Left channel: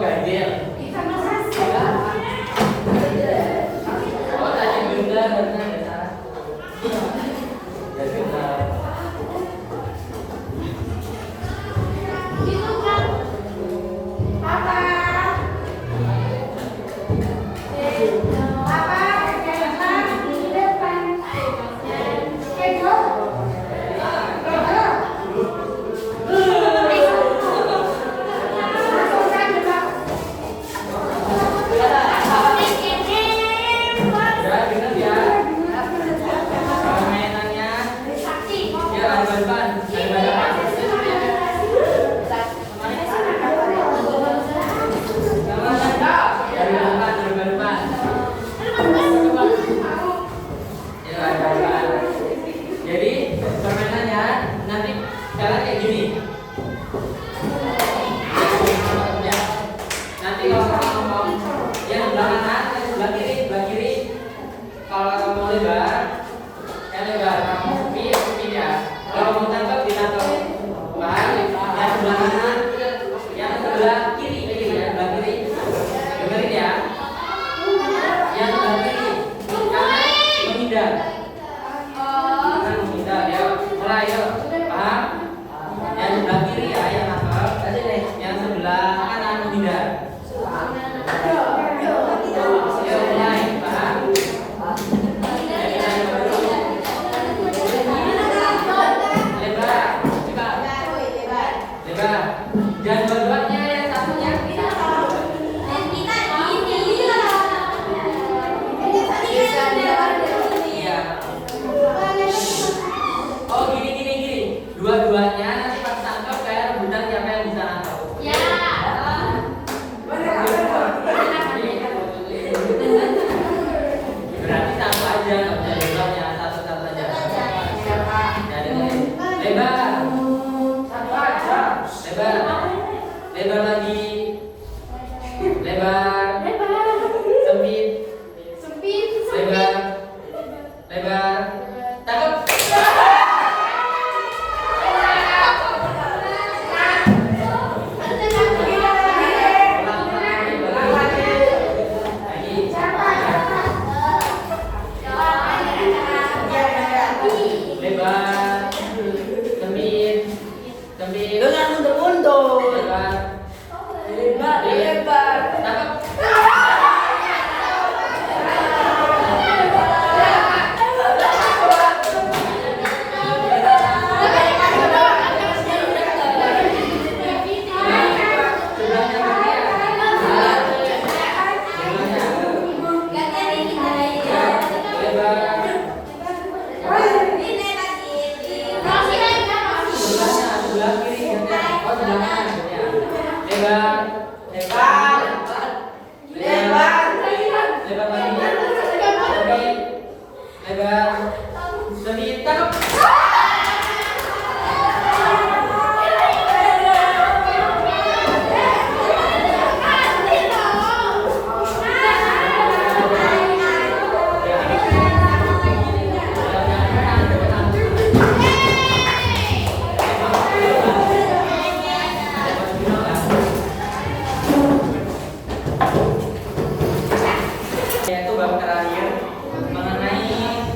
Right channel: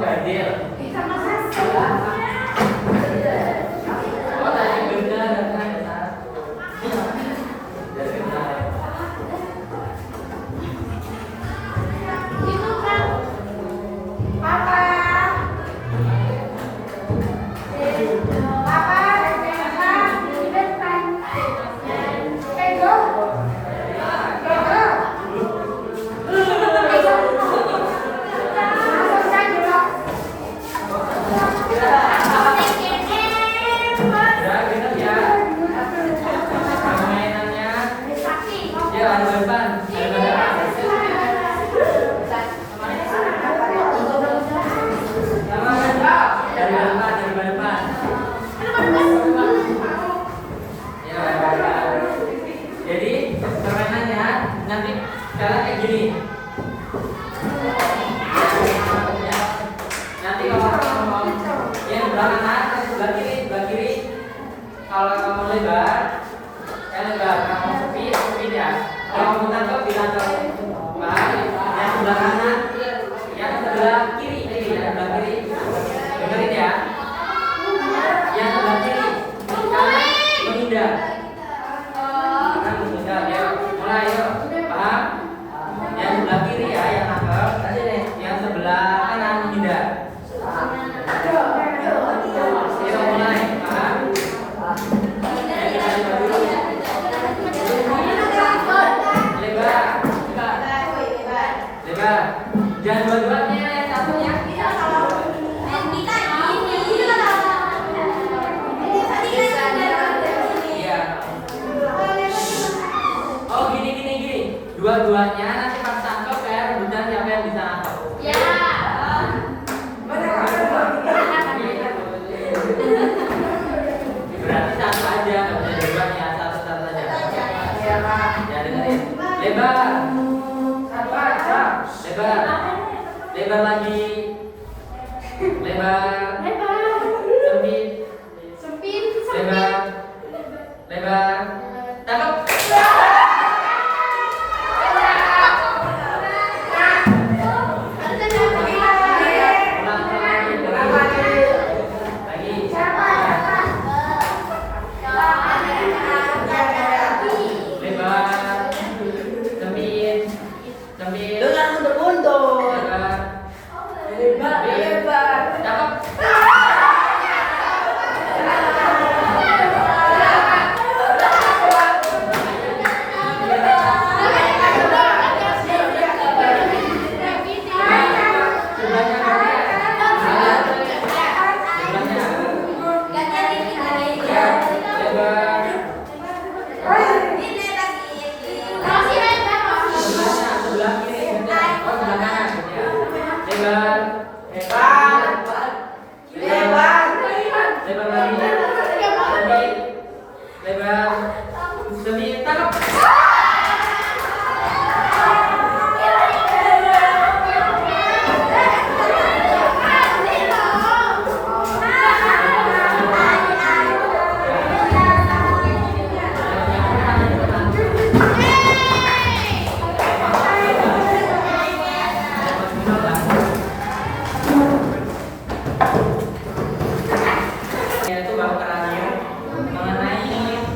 ganjil. Oh, tadi benar dan salah. Jadi benar. Itu kan Papa. Jadi permainannya nanti cara kayak gini. Ya. Nanti kalau kamu mau yang sebelah kanan, sebelah kiri. Kalau kamu lebar, yang lebar. Kamu sepi ya. Kalau mau tangkap ditangkap. Baik. Yang sebelah kanan, yang sebelah kiri, ya sebelah kiri. Dengerin ya. Yang sebelah kiri, kanan menghindar. Ya, mulai yuk. Paham? Yang sebelah kiri ya yang nangkep. Yang sebelah kanan menghindar. Yuk mulai. Paham? Lebar. Lebar. Jangan dua-duanya, yang satunya. Oh gini. Dua-duanya nanti pas tangkap saya rebutan siapa yang bisa nangkap. Ya. Berarti satu aja, nggak bisa dua-duanya, satu aja. Ya dengerin. Lebar. Satu aja. Lebar lagi. Lebar. Sempit. Lebar. Tangkap. Dengan mundur-mundur. Lebar. Yaitu bab terakhir mengenai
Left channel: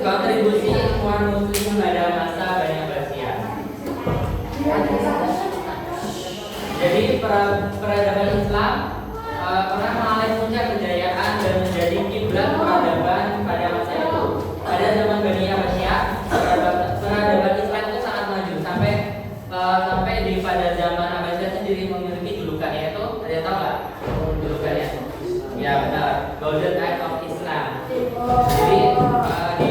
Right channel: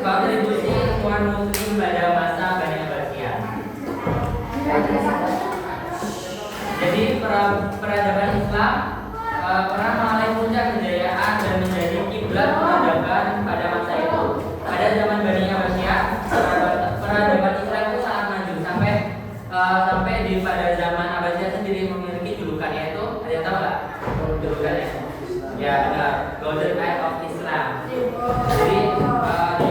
kontribusi ilmuwan muslim pada masa Bani Abbasiyah. Jadi peradaban Islam pernah mengalami puncak kejayaan dan menjadi kiblat peradaban pada masa itu. Pada zaman Bani Abbasiyah, peradaban Islam itu sangat maju sampai di pada zaman Abbasiyah sendiri memiliki julukan, yaitu ada tahu nggak julukannya? Ya benar, Golden Age of Islam. Jadi di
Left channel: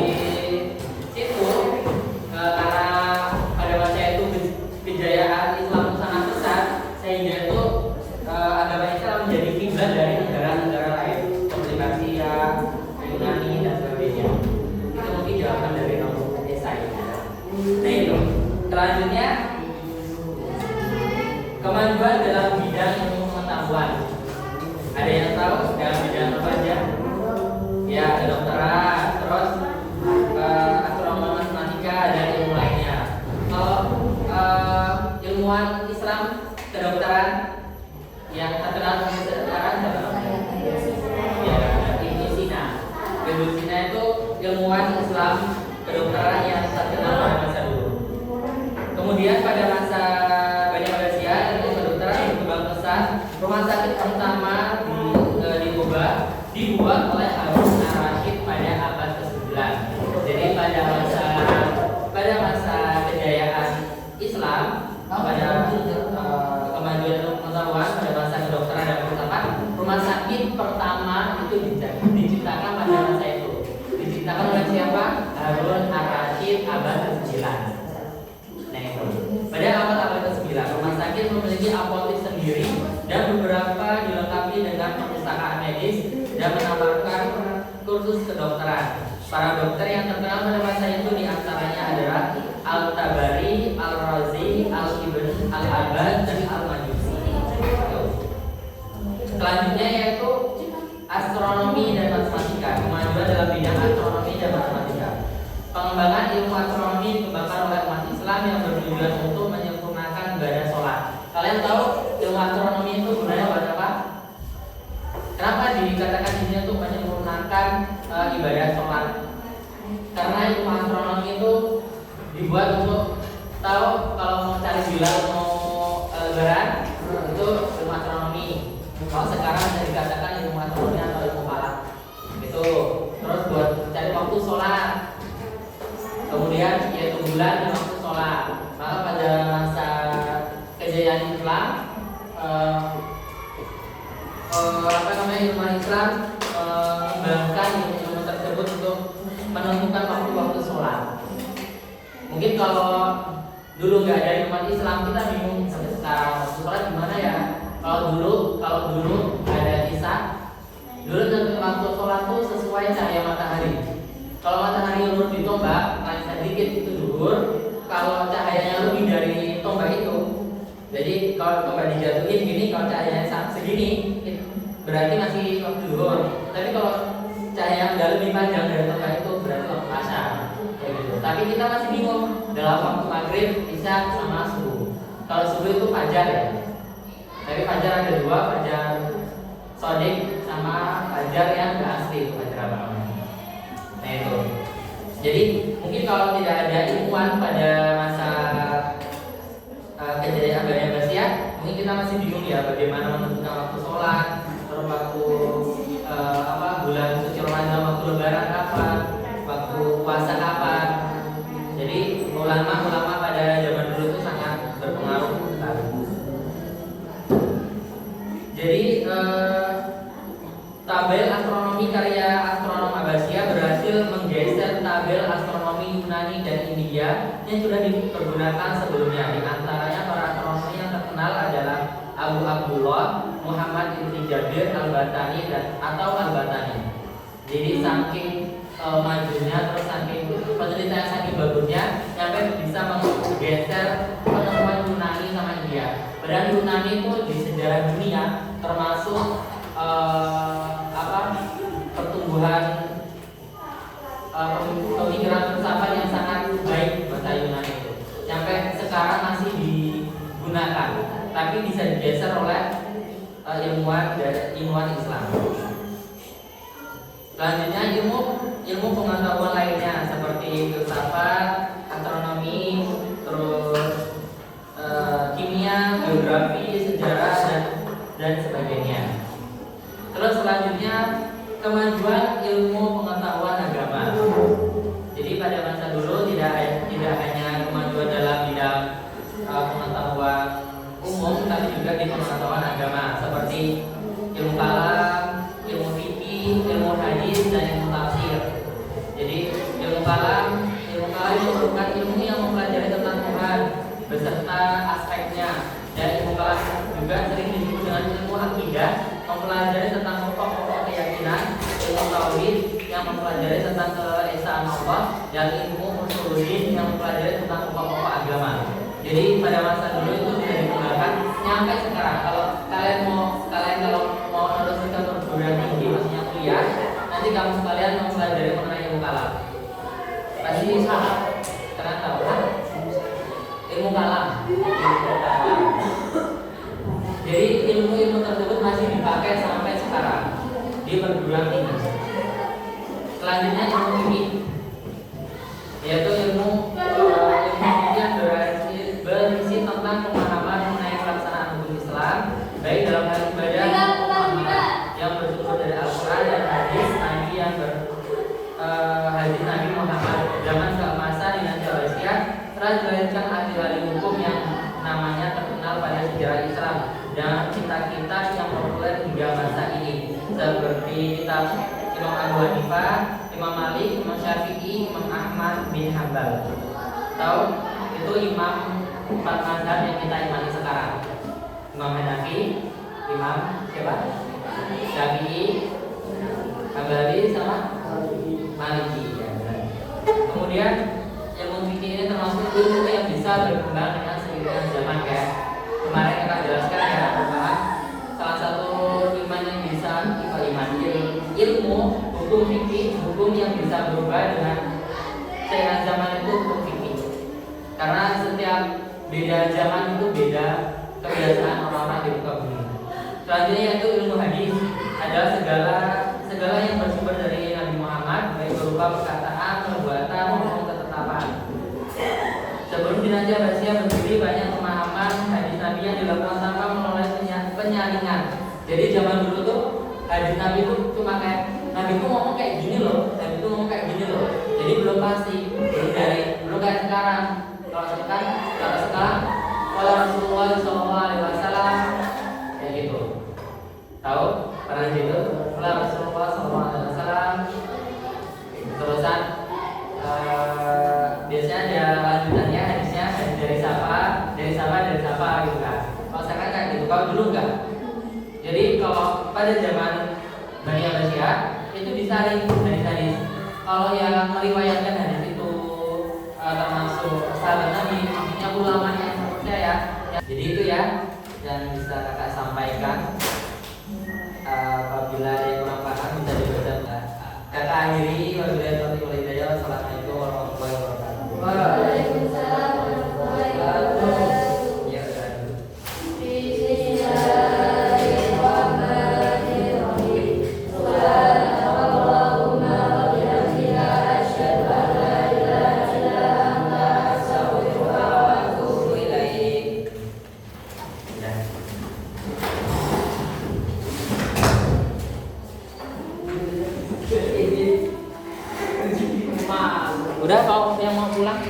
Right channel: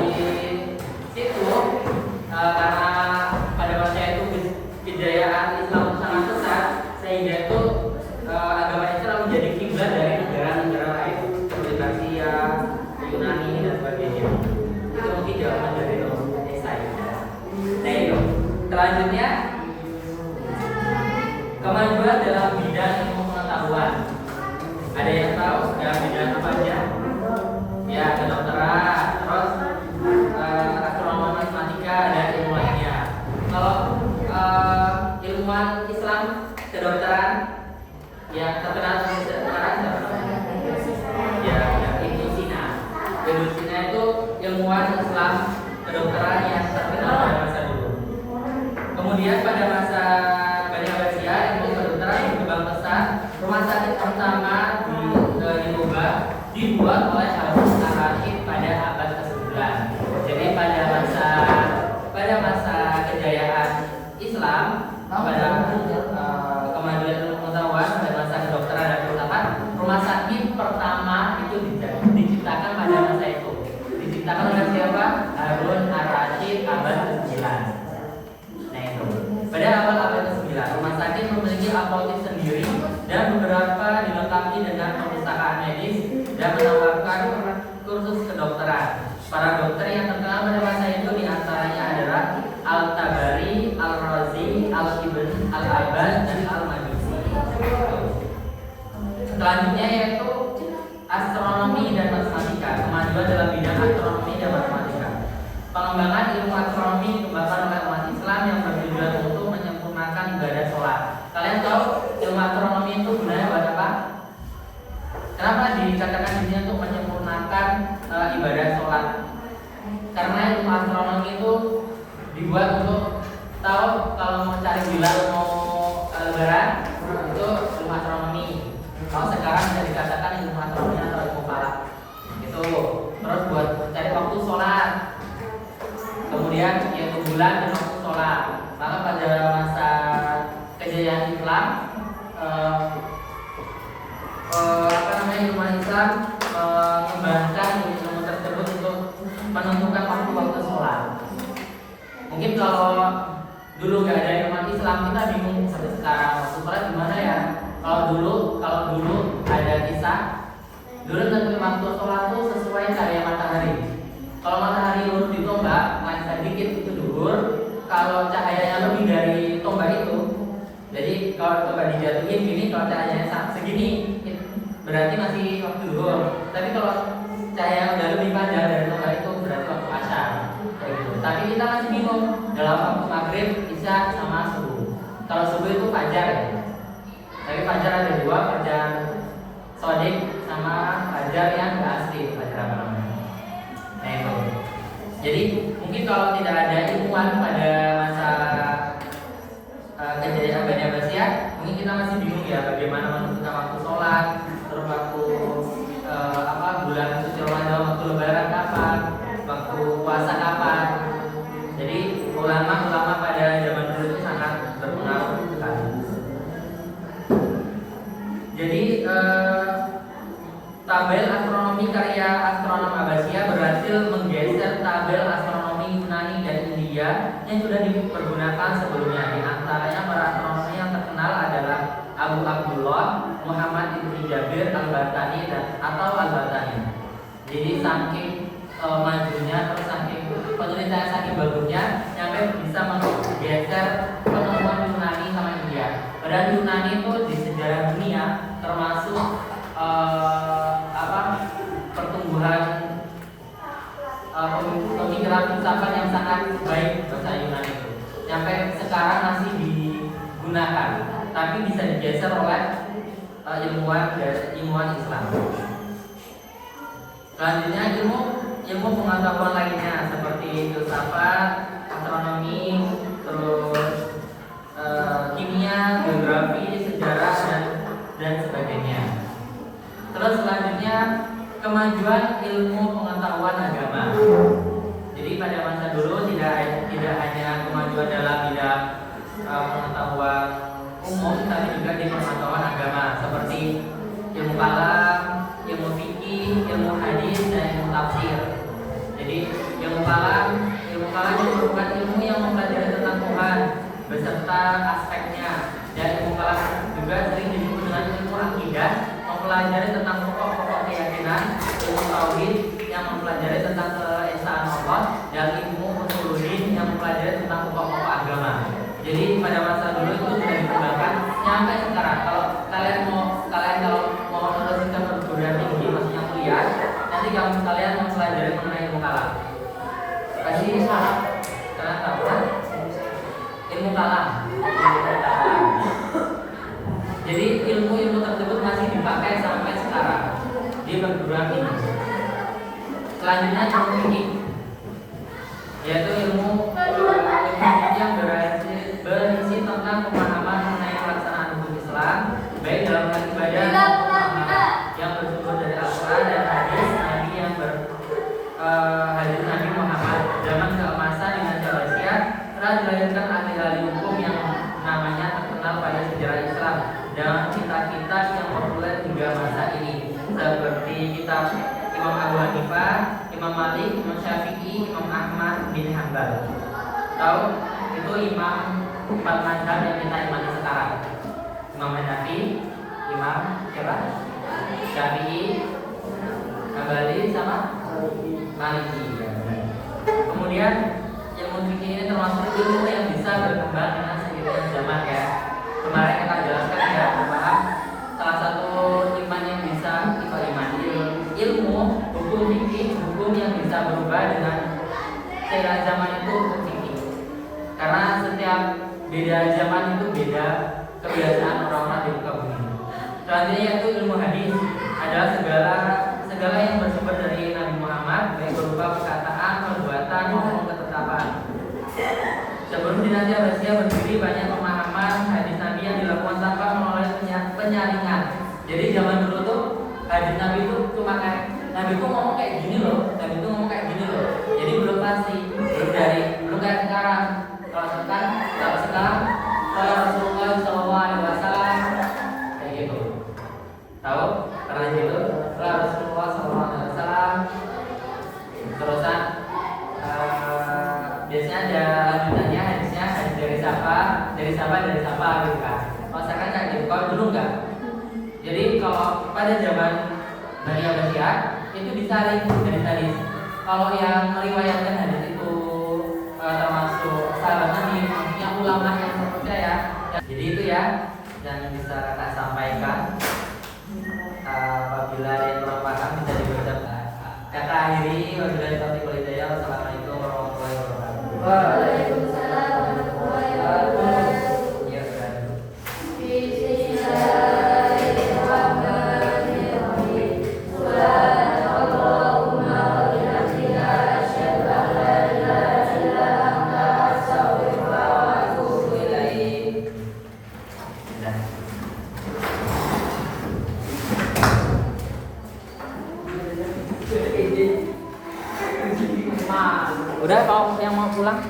situ karena pada masa itu kejayaan Islam itu sangat besar, sehingga itu agama Islam menjadi kiblat dari negara-negara lain seperti Persia, Yunani dan sebagainya. Itu mungkin jawaban dari nomor esai. Nah itu selanjutnya kemajuan dalam ilmuwan Islam kedokteran yang terkenal sekarang siapa? Ya, Ibnu Sina. Ibnu Sina itu ilmuwan Islam kedokteran yang terkenal pada masa dulu. Kemudian pada masa Bani Abbasiyah ilmu kedokteran yang berkembang pesat. Rumah sakit pertama dibuat oleh Harun ar-Rasyid pada abad ke-9. Jadi pada masa kejayaan Islam, pada kemajuan ilmu pengetahuan, pada masa kedokteran dan filsafat, rumah sakit pertama itu diciptakan pada masa itu. Diciptakan oleh siapa? Harun ar-Rasyid abad ke-9. Nah itu. Pada abad ke-9, rumah sakit memiliki apotek sendiri dan beberapa dilengkapi dengan perpustakaan medis dan menawarkan kursus kedokteran. Para dokter yang terkenal pada masa itu diantaranya adalah Al-Tabari, Al-Razi, Al-Ibn, Al-Abbad, dan Al-Majusi. Selanjutnya yaitu astronomi dan matematika. Kemajuan dalam bidang astronomi dan matematika. Pengembangan ilmu astronomi dikembangkan oleh umat Islam yang bertujuan untuk menyempurnakan ibadah sholat. Kalian tahu ilmu astronomi itu gunanya buat apa? Kenapa dikatakan di sini untuk menyempurnakan ibadah sholat? Karena ilmu astronomi itu dibuat untuk tahu kalau mau cari hilal, mau lebaran, itu ilmu astronomi. Kalau sekarang bisa dikatakan ilmu astronomi atau ilmu falak. Itu terus buat cari waktu sholat. Kemudian yaitu bulan dan waktu sholat. Maka pada masa kejayaan Islam, ilmu Islam mengembangkan ilmu tersebut untuk menentukan waktu-waktu sholat. Mungkin kalau dulu nggak ada umat Islam, kita bingung sekarang waktu sholat gimana ya. Kalau dulu ada kisah, dulu tentu waktu sholat itu sesuai cahaya matahari. Kalau matahari lurus di tombak, naik sedikit itu duhur. Kalau cahayanya lebih dari tombak itu, jadi kalau tombak dijatuhin gini, kalau cahayanya segini, berarti masih waktu duhur. Tapi kalau cahaya udah lebih panjang dari tombak itu, berarti waktu asar. Kayak gitu. Tapi kita masih bingung dalam waktu maghrib, isya sama subuh. Kalau subuh itu fajar ya. Jadi fajar ada dua, fajar sodik sama fajar yang nggak asli, fajar apa namanya? Nah itu. Jadi mungkin kalau tidak ada ilmuwan pada masa kejayaan Bani Abbasiyah, mungkin kita masih bingung ya bagaimana menentukan waktu sholat, terus waktu bulan suci Ramadan, waktu lebaran kapan, waktu puasa kapan. Jadi ulama pada zaman dulu itu sangat berpengaruh. Jadi tabel astronomi karya astronom Abbasiyah berhasil menggeser tabel astronomi Yunani dan India yang sudah dipergunakan sebelumnya. Di antaranya para astronom yang terkenal adalah Abu Abdullah Muhammad ibn Jabir al-Batani atau al-Batani. Jadi saking majunya, terus saking penelitian saking bagusnya, sampai bisa menggeser penemuan Yunani sama India. Padahal Yunani itu di sejarah dunia termasuk pertumbuhan pemikiran filsafat yang sangat baik bahasa Yunani itu. Sampai sekarang masih digunakan, tapi bisa digeser oleh ilmuwan Islam. Selanjutnya ilmu pengetahuan lainnya seperti filsafat, astronomi, terus kimia, geografi, sejarah dan sebagainya. Terus selanjutnya kemajuan ilmu pengetahuan agama. Jadi pada masa dulu tidak hanya kemajuan dalam bidang pengetahuan umum, tapi juga di pengetahuan agama seperti ilmu kalam, ilmu fikih, ilmu hadis dan ilmu tafsir. Jadi ilmu kalam merupakan ilmu yang mempelajari tentang Tuhan beserta aspeknya, dan ilmu kalam juga sering disebut dengan ilmu akidah, mempelajari tentang pokok-pokok keyakinan, ilmu tauhid yang mempelajari tentang keesaan Allah, dan ilmu usuluddin yang mempelajari tentang pokok-pokok agama. Jadi pada masa dulu itu sudah dikembangkan sampai sekarang. Kalau kalian mau meneruskan perguruan tinggi, maksudnya kuliah, nanti kamu sekalian mempelajari mengenai ilmu kalam. Pasti karena tahu kan? ilmu kalam. Jadi ilmu tersebut masih dipakai sampai sekarang di perguruan tinggi. Selanjutnya ilmu fikih, yaitu ilmu yang berisi tentang pemahaman mengenai pelaksanaan hukum Islam, baik dalam hal ibadah maupun amal yang bersumber dari Al-Quran dan hadis Nabi hadis Nabi Muhammad. Zaman keemasan dengan Indonesia telah dilahirkan ahli-ahli hukum yang namanya terkenal pada sejarah Islam dan kitab-kitab yang populer hingga masa ini, seperti kitab Imam Abu Hanifah, Imam Malik, Imam Syafi'i, Imam Ahmad bin Hanbal. Tahu itu imam 4 mazhab yang kita imani sekarang. Imam Hanafi, Imam siapa? Syafi'i, Hambali sama Maliki. Kemudian ilmu fikih ini termasuk ilmu yang bisa berkembang dengan seiring zaman ya. Kemarin akan jelaskan ya, berpaham salah satu iman yang bisa ilmu hukum fikih, hukum yang bisa berubah dengan seiring zaman itu hukum fikih. Karena setiap beda zaman itu beda kebiasaan orang-orang di muka bumi. Selanjutnya yaitu ilmu hadis adalah segala yang bersumber dari Nabi Muhammad, baik berupa perkataan, perbuatan maupun ketetapan. Sebelum dinasti Abbasiyah berdiri, banyak pemahaman hadis Nabi yang dilakukan tanpa menoleh penyaringan. Jadi zaman dulu tuh hadis Nabi itu cuma kayak Nabi itu ngomong kayak gini loh, Nabi itu ngomong kayak gini loh. Jadi belum pasti, belum kayak sekarang. Kalau sekarang kalau Rasulullah SAW kayak gitu. Tahu? Karena gitu, kalau Rasulullah SAW terusan biasanya ada lanjutannya hadisnya hadis dari siapa gitu kan. Kalau sekarang kayak gitu, kalau dulu enggak. Jadi kalau pada zaman Bani Abbasiyah itu disaring hadis-hadis. Kalau yang meriwayatkan hadis itu termasuk sahabat Nabi, yang ulama yang terpercaya. Jadi itu ya yang bisa kakak sampaikan. Apabila ada yang kurang paham bisa dibaca. Kakak akhiri wabillahi taufiq wal hidayah. Wassalamualaikum warahmatullahi wabarakatuh. Waalaikumsalam warahmatullahi wabarakatuh. Ya, sudah. Bismillahirrahmanirrahim. Subhanallahumma wa bihamdika asyhadu an la ilaha illa anta astaghfiruka wa atubu ilaik. Udah kalau yang mau pulang?